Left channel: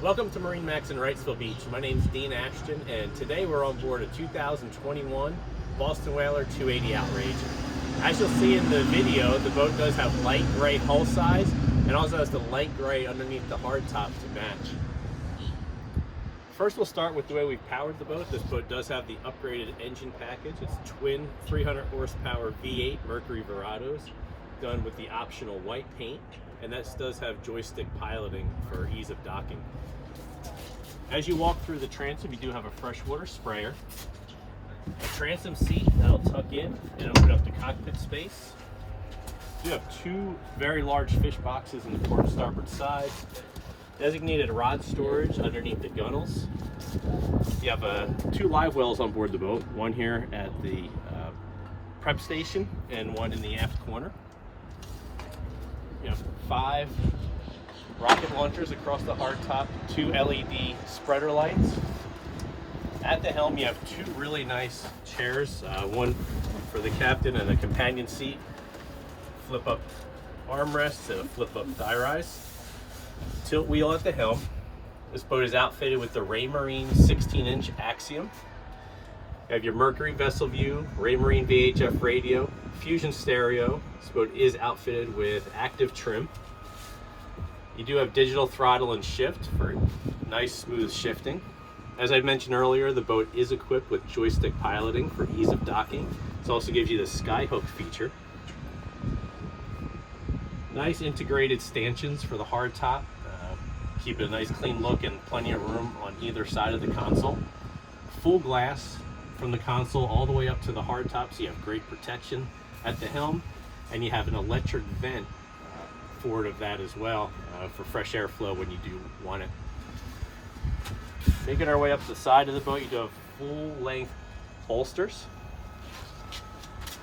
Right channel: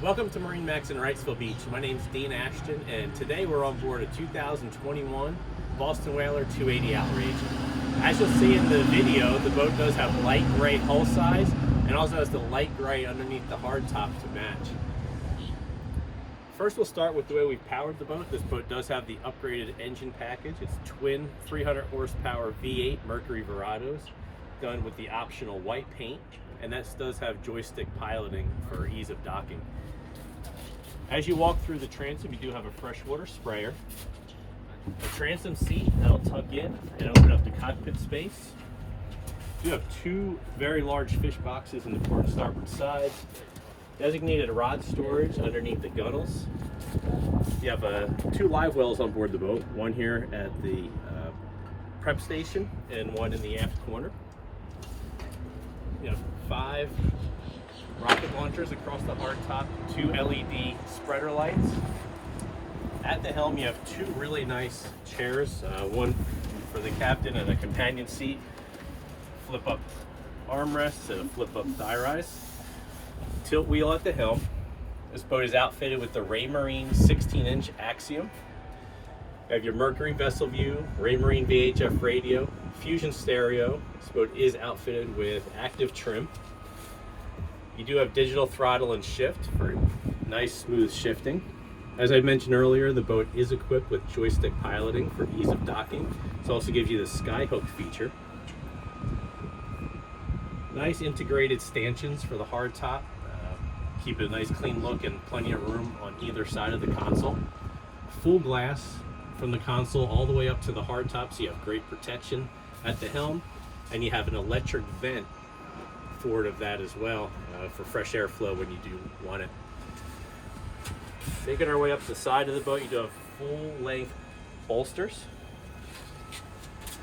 Welcome to MarineMax in Wrightsville Beach. My name is Dean Ashton, and today we're on board a 2021 Boston Whaler 280 Outrage. As you'll see in the video, the boat does have light gray hull size and also has the light gray underneath the hardtop to match. First, we'll start with the way we've powered the boat. This boat does have the upgraded engine package. It's twin 300 horsepower V8 Mercury Verados done with the optional white paint, and this does have joystick piloting for ease of docking. As you walk through the transom, you do have a freshwater sprayer, a transom seat that'll tuck in and open up the cockpit space. You have two very large fish boxes in the port and starboard sides, designated rod storage underneath the gunnels. You have two live wells on board the boat, one here at the prep station and one in the aft corner. You have 5 rocket launchers across the hardtop, 2 LED spreader lights. At the helm, you have 2 really nice chairs, one for the captain and a companion seat, flip up armrests and a flip up thigh rise. Tilt wheel at the helm. This boat is outfitted with the Raymarine 16-inch Axiom. You have your Mercury vessel view, Raymarine VHF radio, Fusion stereo. This boat is outfitted with active trim. You do have digital throttle and shift for nice smooth shifting. As I mentioned earlier, the boat is equipped with joystick piloting for ease of docking. This also gives you the skyhook feature. Nice integrated stanchions for the hardtop. Keep it a nice clean look and plenty of room on either side of the console. Full glass from the console all the way up to the hardtop, so you have great protection at the helm, and you have an electric vent forward of that as well for fresh airflow when you do want it. Making our way up the side of the boat, you do have full-length bolsters.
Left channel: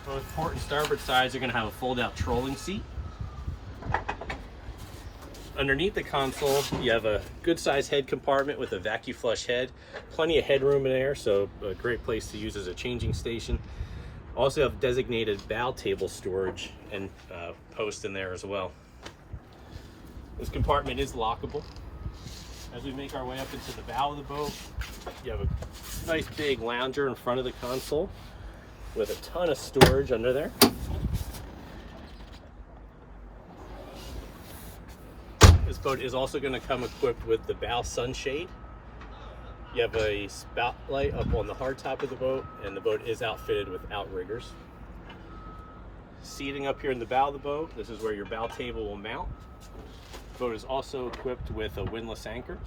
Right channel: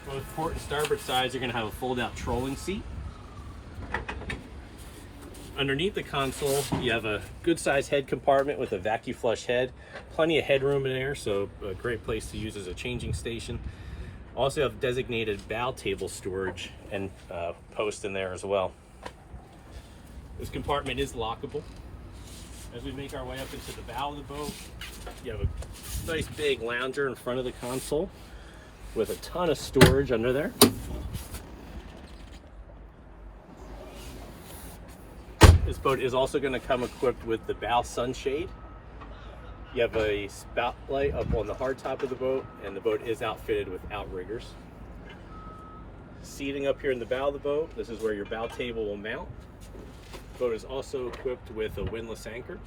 Both port and starboard sides are going to have a fold-out trolling seat. Underneath the console, you have a good-sized head compartment with a vacuum flush head. Plenty of headroom in there, so a great place to use as a changing station. Also have designated bow table storage and post in there as well. This compartment is lockable. As we make our way up into the bow of the boat, you have a nice big lounger in front of the console with a ton of storage under there. This boat is also going to come equipped with the bow sunshade. You have a spotlight up on the hardtop of the boat, and the boat is outfitted with outriggers. Seating up here in the bow of the boat, this is where your bow table will mount. The boat is also equipped with a windlass anchor.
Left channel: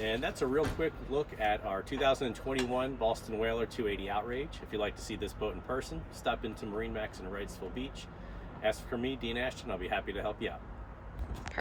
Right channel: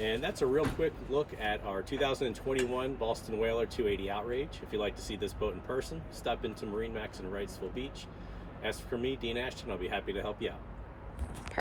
And that's a real quick look at our 2021 Boston Whaler 280 Outrage. If you'd like to see this boat in person, stop into MarineMax in Wrightsville Beach. Ask for me, Dean Ashton. I'll be happy to help you out.